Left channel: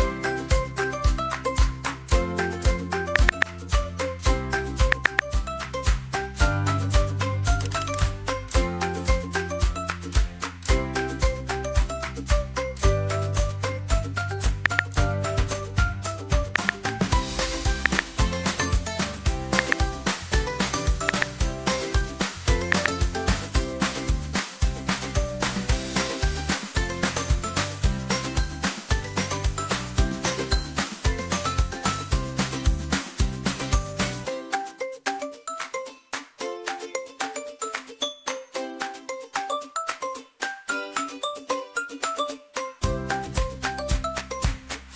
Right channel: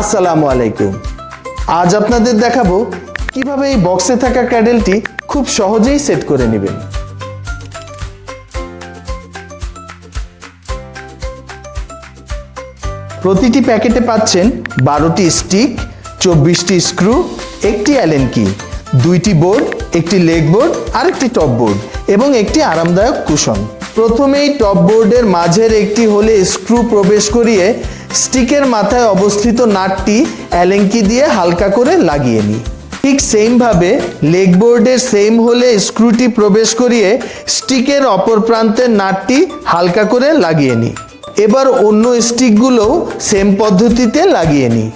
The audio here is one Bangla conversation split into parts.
আসসালামু আলাইকুম। আজ আপনাদের দেখাবো কিভাবে এই বক্সে থাকা ক্র্যাডেলটি খুব সহজেই সেট করে নেবেন। প্রতিটি প্যাকেটে পাচ্ছেন 12টি স্টিক, 24টি স্ক্রু, একটি অ্যালেন কি, 2টি বোর্ড, একটি লেগ বোর্ড আর একটি টপ বোর্ড এবং একটি আরামদায়ক কুশন। প্রথমেই টপ বোর্ডের মাঝের একটি হোলে স্ক্রু প্রবেশ করিয়ে স্টিকের মাথায় অবস্থিত নাটটি অ্যালেন কি দিয়ে হালকা করে লাগিয়ে নিই। ঠিক সেম ভাবে লেগ বোর্ডের সেম হোলে স্ক্রুটি প্রবেশ করিয়ে স্টিকের অপর প্রান্তের নাটটি হালকা করে লাগিয়ে নিই। এবার অন্য স্টিকগুলোও সেম পদ্ধতিতে লাগিয়ে নিই।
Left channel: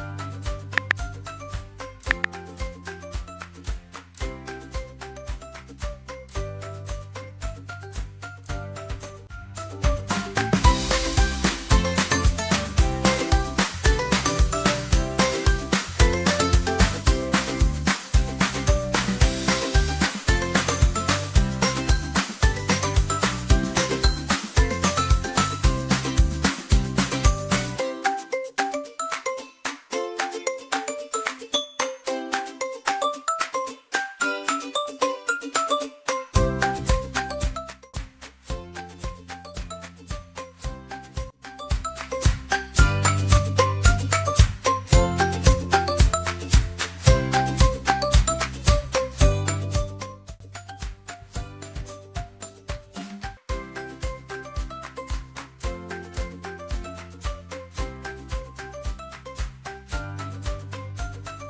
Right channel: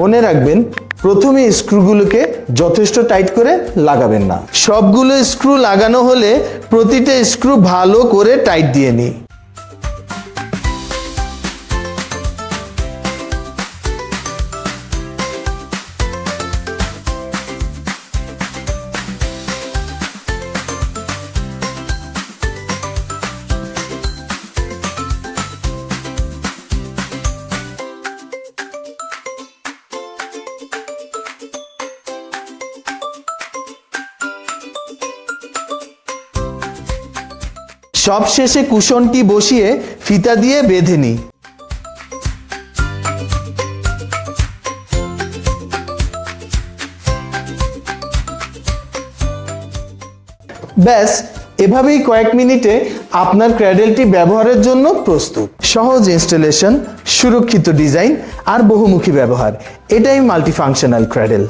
মনে রাখবেন, প্রথমে স্ক্রুগুলোকে যথেষ্ট টাইট করে লাগাবেন না। সবগুলো স্ক্রু লাগানো হলে প্রতিটা স্ক্রু ভালো করে টাইট দিয়ে নিই। সব শেষে কুশনটি বসিয়ে ফিতা দিয়ে বেঁধে নিই। ব্যাস, এভাবেই কয়েক মিনিটে আপনার ক্র্যাডেলটি ব্যবহারের জন্য প্রস্তুত। সহজ ইনস্টলেশন, সুরক্ষিত ডিজাইন আর বহুমুখী ব্যবহার, এটাই মাল্টিফাংশনাল ক্র্যাডেল।